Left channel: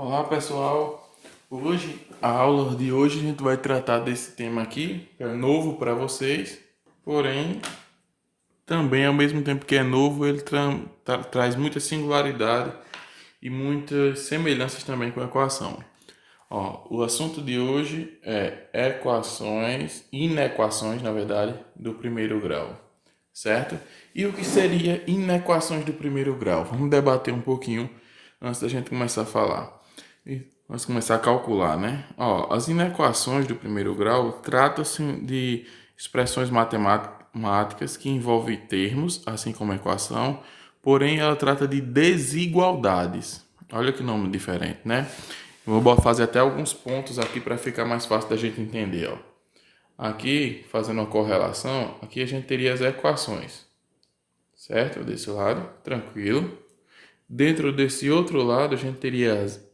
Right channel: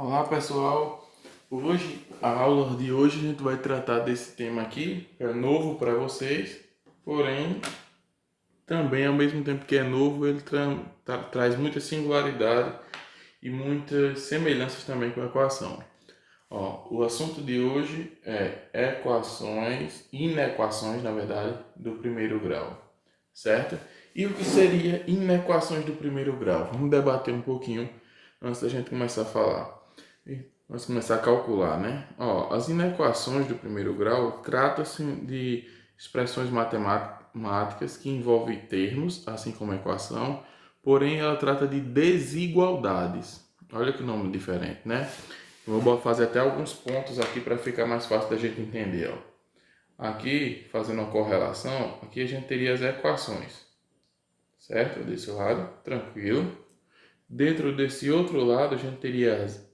Olá pessoal, a aula de hoje a gente vai tratar desse tema aqui, que é novo para vocês, porém também ao mesmo tempo que é novo ele traz muita singularidade e muitas semelhanças também com a equação. O assunto de hoje é inequações na verdade, do primeiro grau, certo? E o que seria inequações do primeiro grau? Vamos debater um pouquinho antes da gente começar a falar. Vamos começar a calcular, né? As inequações do primeiro grau tratam-se de expressões matemáticas que envolvem termos, assim como a equação, porém ela trata de desigualdades. Olha que nome diferente, né? Eu vou fazer até alguns pontos aqui para ficar mais fácil da gente entender. Aqui, fazendo uma correlação, aqui a gente teria as equações, certo? Desse lado, tranquilo. Dentro desse outro lado, a gente teria as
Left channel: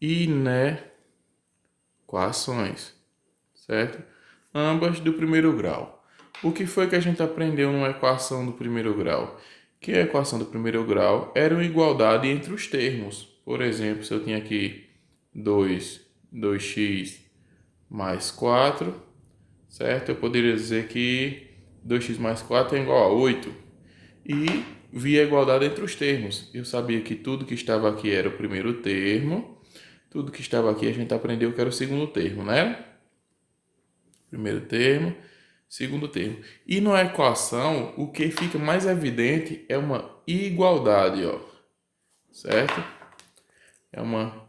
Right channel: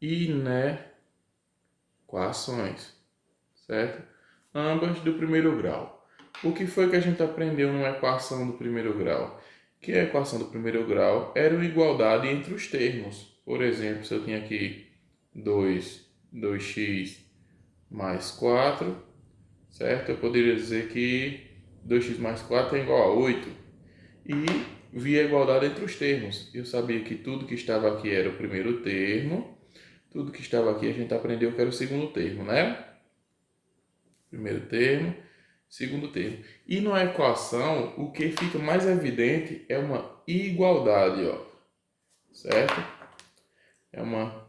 inequações, certo? Ambas do primeiro grau. O que foi que a gente aprendeu numa equação do primeiro grau? Que a equação do primeiro grau era uma igualdade entre os termos. Por exemplo, se eu tinha aqui 2x mais 4, certo? Eu poderia dizer que 2x mais 4 é igual a 8. E vi a igualdade entre os termos. Eu sabia que tudo que estava aqui era o primeiro termo, tudo que estava aqui a gente aprendeu que era o segundo termo, né? Primeiro termo, segundo termo. E na equação, o que fica mais evidente é uma igualdade, certo? É uma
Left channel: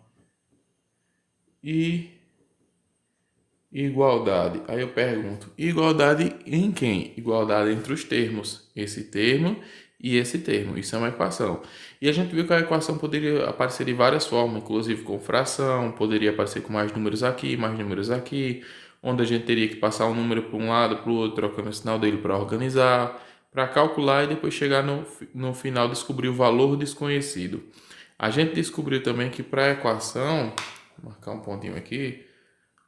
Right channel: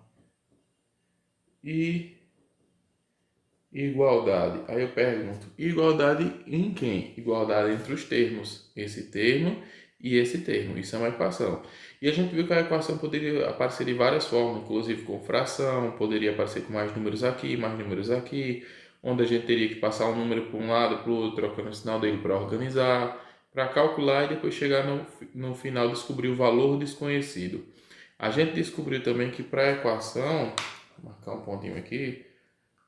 igualdade. Aí eu pergunto, igualdade em quem? Igualdade entre os termos. Esse termo e esse termo. Isso é uma equação. E a gente viu que a equação poderia aparecer de várias formas, inclusive com fração, poderia aparecer com mais números aqui, onde a gente teria que passar um número para um lado, para o outro, trocando o sinal dele para organizar, para calcular e depois chegar no final descobrir o valor desconhecido. A gente descobriu também que para a equação, vou marcar um pontinho aqui,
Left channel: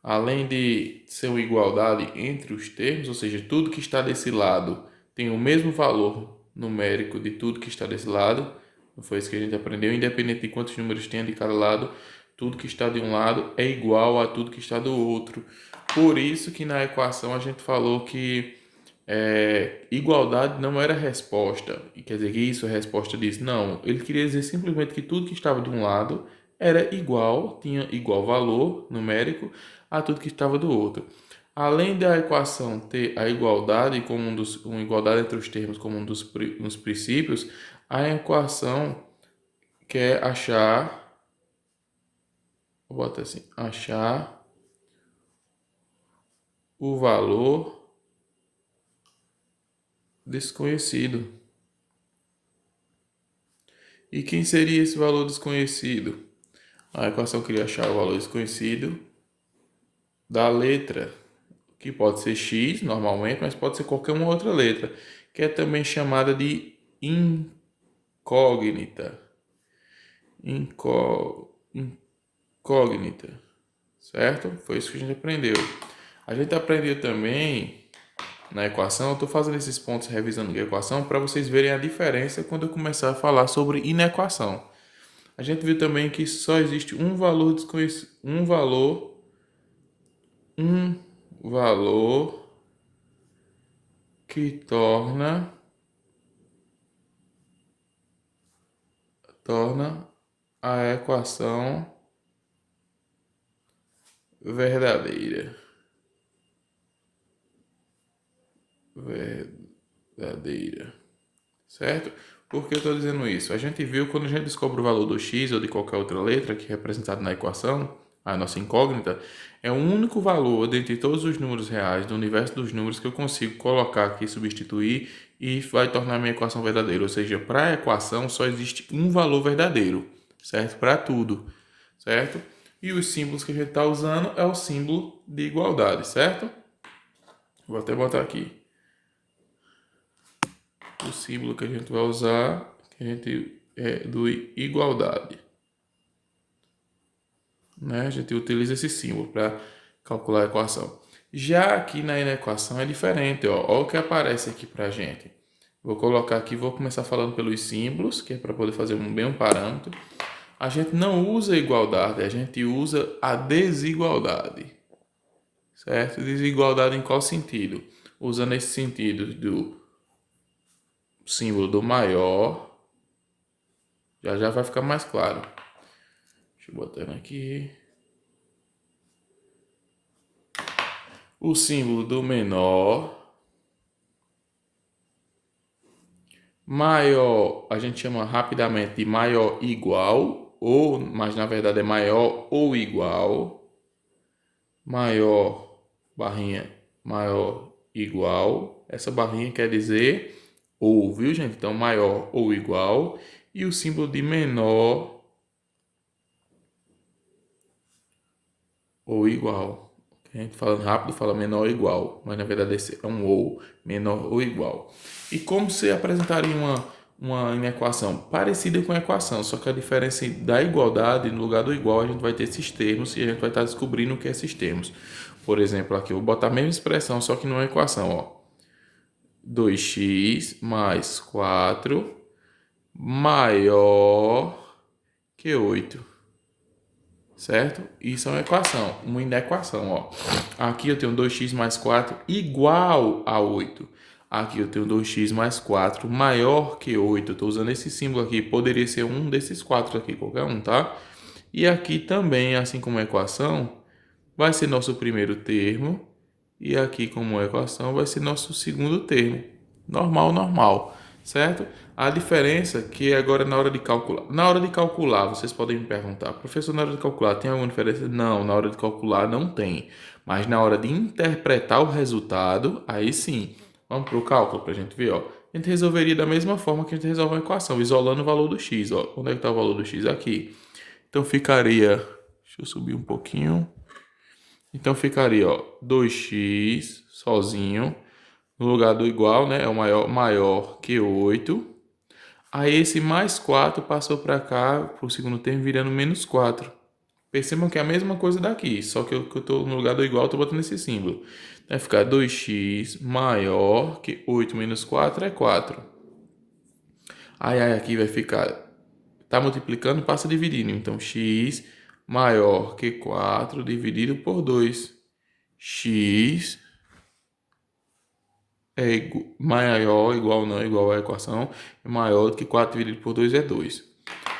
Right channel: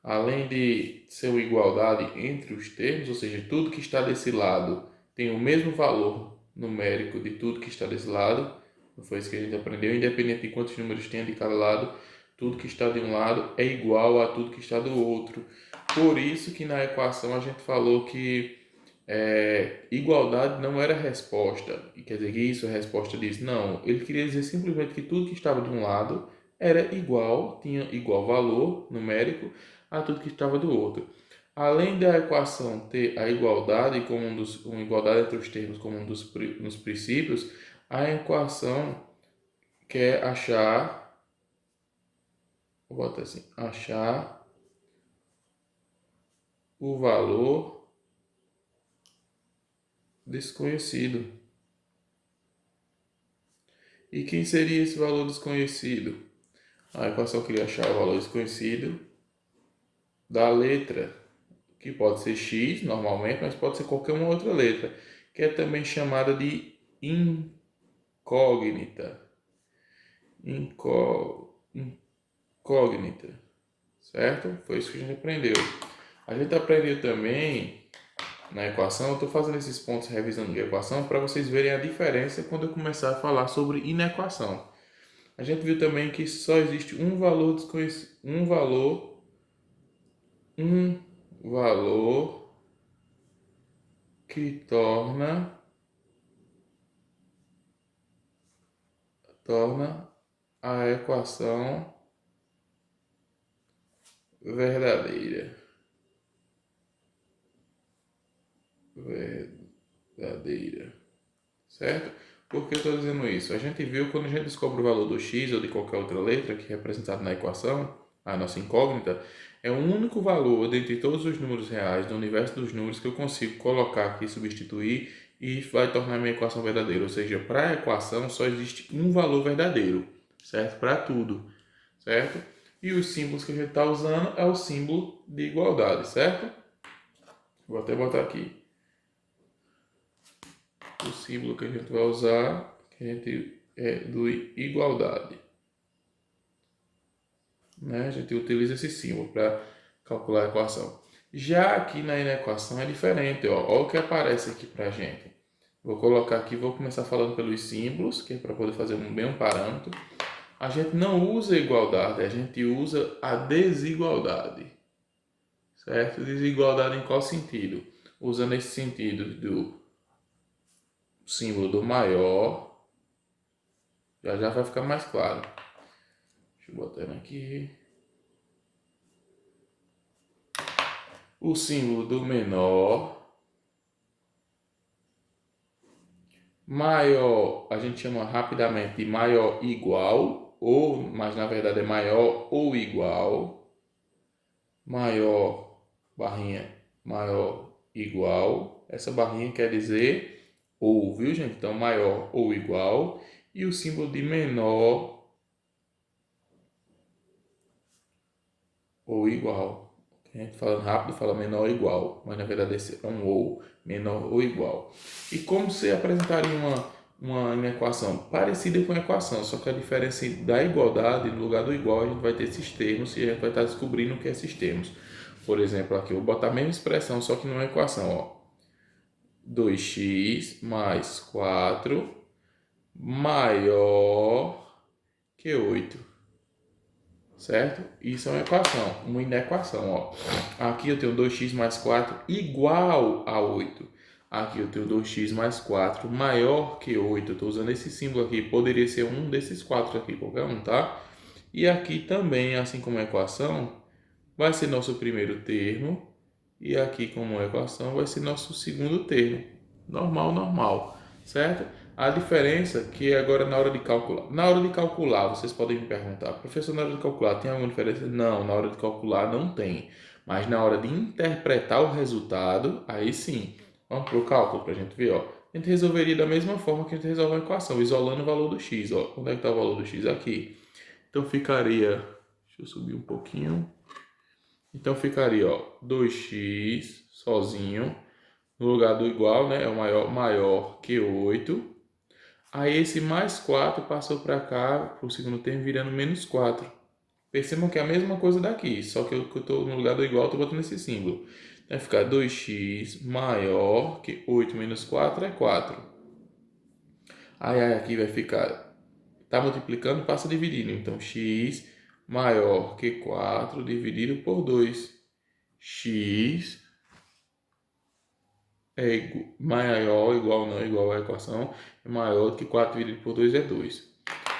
além de ser uma igualdade entre os termos, ou seja, tudo que está desse lado tem o mesmo valor numérico de tudo que está desse lado, não foi isso que a gente aprendeu, independente de quantos números tenha de cada lado, tudo que está de um lado é igual a tudo que está do outro. Por isso que na equação a gente falou que igualdade não era resposta, e quer dizer que isso é resposta disso. Não, ele queria dizer simplesmente que tudo que estava de um lado era igual, tinha igual valor numérico a tudo que estava do outro. Além da equação ter a igualdade como uma igualdade entre os termos como dos princípios, a equação quer achar, vou botar assim, achar o valor desconhecido. E quem seria esse valor desconhecido? A equação queria achar o valor desconhecido da letra, que pode ser x normalmente, mas pode ser qualquer uma outra letra, que é também chamada de incógnita. Incógnita, certo? Foi isso que a gente aprendeu. A gente aprendeu também na equação, eu estou fazendo esses pontos revisando a equação para vocês verem a diferença quando eu começar a falar sobre inequação. A gente viu também que só existe um valor desconhecido, um valor que torna a equação verdadeira. Certo? Por que eu estou dizendo isso? A gente viu quando a gente descobre o valor do x ou de qualquer outra letra que é representado na equação, a nossa incógnita, é o único valor dentre todos os números reais do universo dos números que eu consigo colocar aqui, substituir e vai tornar a minha equação verdadeira. Ou seja, para a equação só existe um valor verdadeiro, certo? Para tudo, certo? E os símbolos que a gente está usando é o símbolo de igualdade, certo? Vou até botar aqui o símbolo que a gente vai usar, que a gente é do igualdade. Né? A gente utiliza esse símbolo para calcular a equação. Já aqui na inequação é diferente, ó. Olha o que aparece aqui para a gente. Vou colocar aqui, vou começar falando pelos símbolos, que é para poder fazer bem um parâmetro. a gente não usa igualdade, a gente usa a desigualdade. Certo? Desigualdade em qual sentido? Usando esse sentido do símbolo do maior, já vai ficar mais claro. Deixa eu botar aqui. O símbolo do menor. Maior, a gente chama rapidamente de maior igual, mas na verdade é maior ou igual. Maior, barrinha, maior, igual. Essa barrinha quer dizer ou, viu, gente? Então, maior ou igual. E o símbolo de menor ou igual. A gente falando rápido fala menor ou igual, mas na verdade esse é um ou, menor ou igual. E como você apresentaria uma equação? Parecida com a equação, só que a diferença da igualdade, no lugar do igual, a gente vai ter esses termos e a gente vai estar descobrindo o que é esses termos. Por exemplo, aqui eu vou botar a mesma expressão, só que numa equação, ó. 2x mais 4 maior que 8. Certo? Isso é uma inequação, ó. Aqui eu tenho 2x mais 4 igual a 8. Aqui eu tenho 2x mais 4 maior que 8. Eu estou usando esse símbolo aqui, poderia ser um desses 4 aqui, qualquer um, tá? E aqui também, assim como a equação, vai ser nosso primeiro termo. E aqui, como a equação, vai ser nosso segundo termo. Normal, normal, certo? A diferença é que agora na hora de calcular. Na hora de calcular, vocês podem me perguntar, professor, na hora de calcular tem alguma diferença? Não, na hora de calcular não tem. Mas na hora de interpretar o resultado, aí sim. Vamos para o cálculo para a gente ver, ó. A gente resolveria da mesma forma que a gente resolve uma equação, isolando o valor do x, ó. Onde é que está o valor do x? Aqui. Então ficaria... Deixa eu subir um pouquinho. Então ficaria, ó, 2x sozinho, no lugar do igual, né? É o maior que 8. Aí esse mais 4 passou para cá, para o segundo termo, virando menos 4. Percebam que é a mesma coisa daqui, só que eu estou no lugar do igual, estou botando esse símbolo. Vai ficar 2x maior que 8 menos 4 é 4. Aí aqui vai ficar, tá multiplicando, passa dividindo. Então, x maior que 4 dividido por 2. X é maior, igual não, igual à equação, é maior do que 4 dividido por 2 é 2.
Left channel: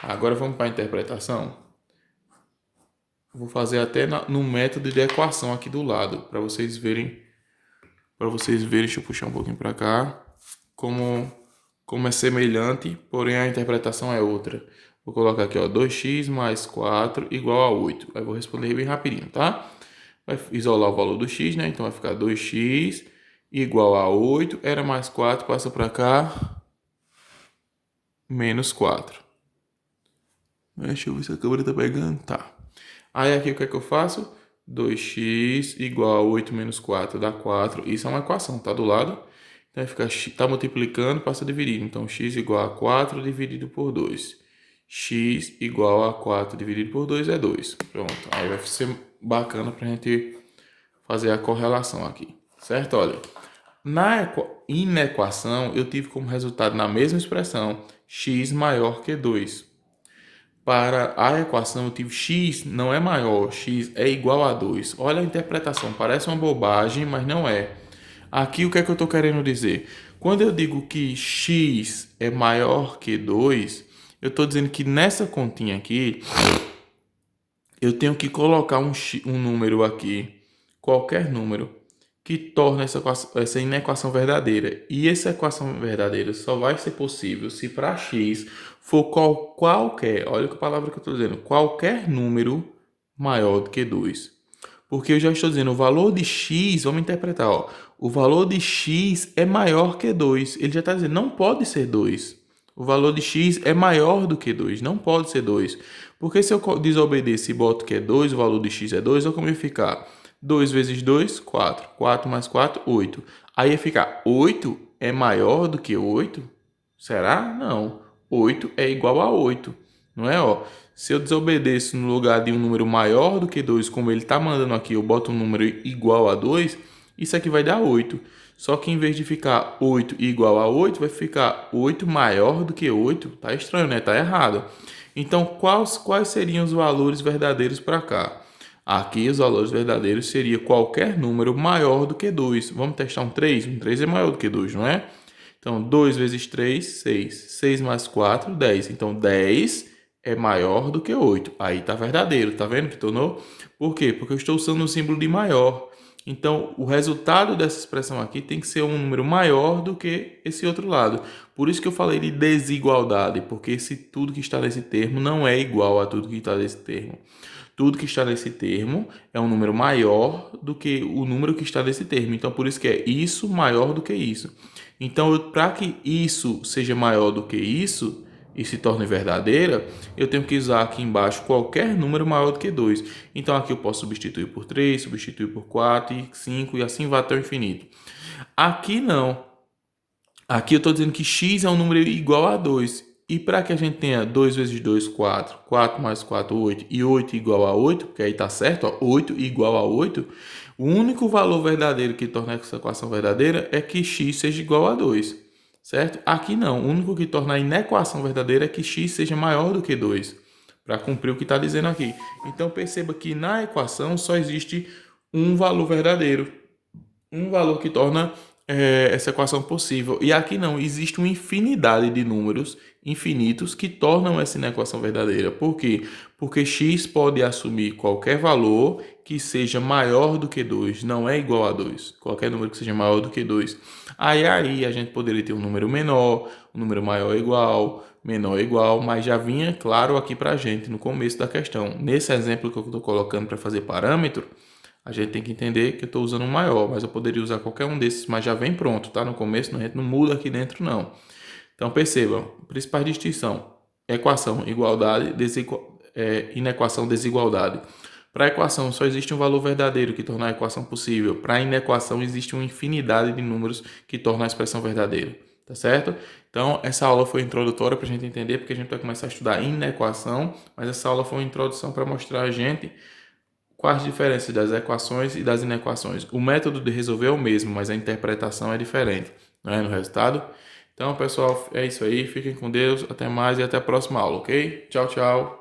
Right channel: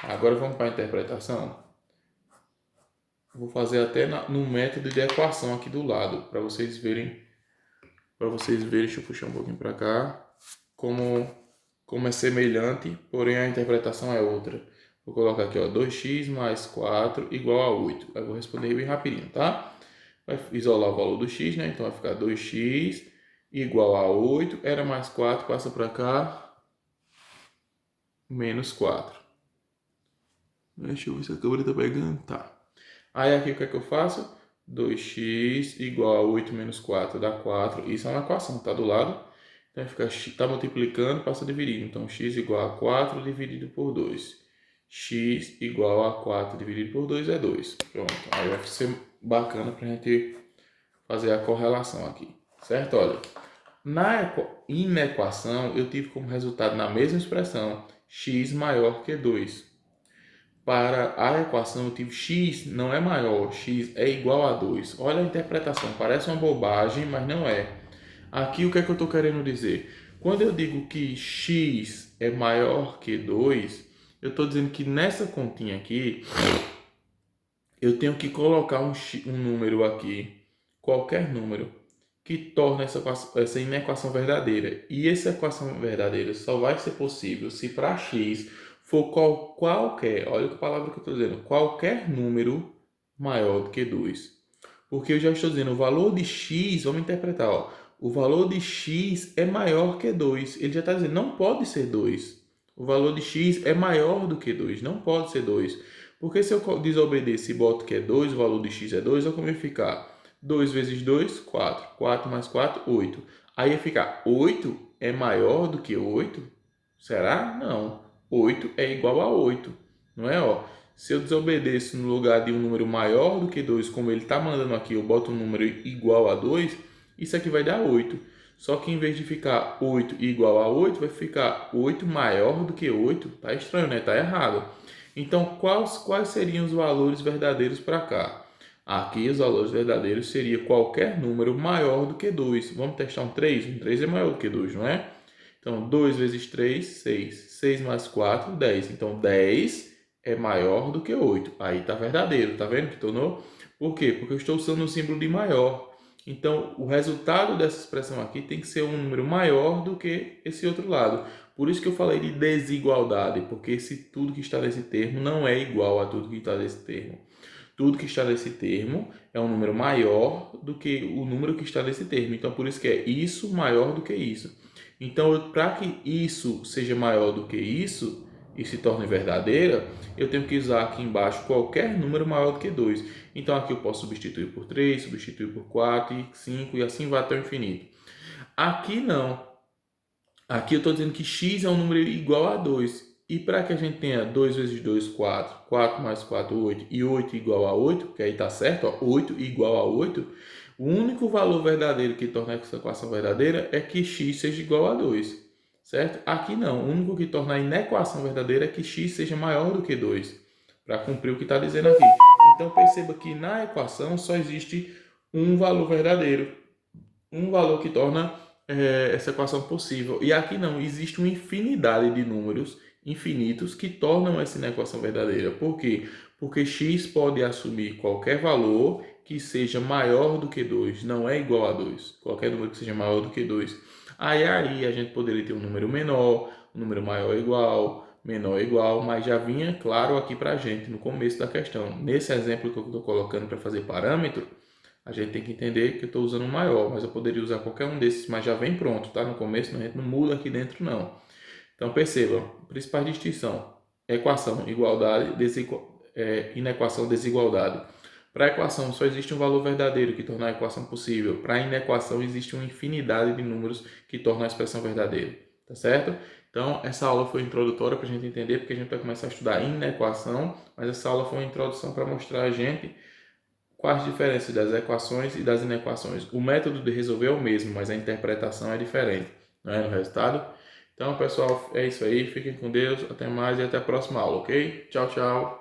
Agora vamos para a interpretação. Vou fazer até no método de equação aqui do lado, para vocês verem. Deixa eu puxar um pouquinho para cá, como é semelhante, porém a interpretação é outra. Vou colocar aqui, ó, 2x mais 4 igual a 8. Aí vou responder bem rapidinho, tá? Vai isolar o valor do x, né? Então vai ficar 2x igual a 8. Era mais 4, passa para cá. Menos 4. Deixa eu ver se a câmera tá pegando. Tá. Aí aqui o que é que eu faço? 2x igual a 8 menos 4 dá 4. Isso é uma equação, tá do lado. Então vai ficar, tá multiplicando, passa dividindo. Então x igual a 4 dividido por 2. X igual a 4 dividido por 2 é 2. Pronto. Aí vai ser bacana pra gente fazer a correlação aqui. Certo? Olha. Na inequação, eu tive como resultado na mesma expressão x maior que 2. Para a equação, eu tive x não é maior, x é igual a 2. Olha a interpretação, parece uma bobagem, mas não é. Aqui o que é que eu estou querendo dizer? Quando eu digo que x é maior que 2, eu estou dizendo que nessa continha aqui, eu tenho que colocar um número aqui, qualquer número, que torna essa inequação verdadeira. E essa equação verdadeira só vai ser possível se para x for qualquer, olha que palavra que eu estou dizendo, qualquer número maior do que 2. Porque eu já estou dizendo, o valor de x, vamos interpretar, ó, o valor de x é maior que 2. Ele já está dizendo, não pode ser 2. O valor de x é maior do que 2, não pode ser 2. Porque se eu desobedecer e boto que é 2, o valor de x é 2, olha como ia ficar. 2 vezes 2, 4. 4 mais 4, 8. Aí ia ficar 8 é maior do que 8? Será? Não. 8 é igual a 8. Não é? Ó, se eu desobedeço no lugar de um número maior do que 2, como ele está mandando aqui, eu boto um número igual a 2, isso aqui vai dar 8. Só que em vez de ficar 8 igual a 8, vai ficar 8 maior do que 8. Tá estranho, né? Tá errado. Então, quais seriam os valores verdadeiros para cá? Aqui, os valores verdadeiros seria qualquer número maior do que 2. Vamos testar um 3? Um 3 é maior do que 2, não é? Então, 2 vezes 3, 6. 6 mais 4, 10. Então, 10 é maior do que 8. Aí está verdadeiro, tá vendo que tornou? Por quê? Porque eu estou usando o símbolo de maior. Então, o resultado dessa expressão aqui tem que ser um número maior do que esse outro lado. Por isso que eu falei de desigualdade, porque tudo que está nesse termo não é igual a tudo que está nesse termo. Tudo que está nesse termo é um número maior do que o número que está nesse termo. Então, por isso que é isso maior do que isso. Então, para que isso seja maior do que isso e se torne verdadeira, eu tenho que usar aqui embaixo qualquer número maior do que 2. Então, aqui eu posso substituir por 3, substituir por 4 e 5 e assim vai até o infinito. Aqui não. Aqui eu estou dizendo que x é um número igual a 2. E para que a gente tenha 2 vezes 2, 4, 4 mais 4, 8, e 8 igual a 8, porque aí está certo, ó, 8 igual a 8, o único valor verdadeiro que torna essa equação verdadeira é que x seja igual a 2, certo? Aqui não, o único que torna a inequação verdadeira é que x seja maior do que 2, para cumprir o que está dizendo aqui. Então perceba que na equação só existe um valor verdadeiro, um valor que torna essa equação possível. E aqui não, existe uma infinidade de números infinitos que tornam essa equação verdadeira. Por quê? Porque x pode assumir qualquer valor que seja maior do que 2, não é igual a 2. Qualquer número que seja maior do que 2. Aí a gente poderia ter um número menor, um número maior igual, menor igual, mas já vinha claro aqui para a gente no começo da questão. Nesse exemplo que eu estou colocando para fazer parâmetro, a gente tem que entender que eu estou usando um maior, mas eu poderia usar qualquer um desses, mas já vem pronto, tá? No começo a gente não muda aqui dentro, não. Então percebam, principais distinção: equação, igualdade, inequação, desigualdade. Para a equação só existe um valor verdadeiro que torna a equação possível. Para a inequação existe uma infinidade de números que tornam a expressão verdadeira, tá certo? Então essa aula foi introdutória para a gente entender, porque a gente vai começar a estudar inequação, mas essa aula foi uma introdução para mostrar a gente quais as diferenças das equações e das inequações. O método de resolver é o mesmo, mas a interpretação é diferente, não é, no resultado? Então, pessoal, é isso aí. Fiquem com Deus. Até mais e até a próxima aula, ok? Tchau, tchau.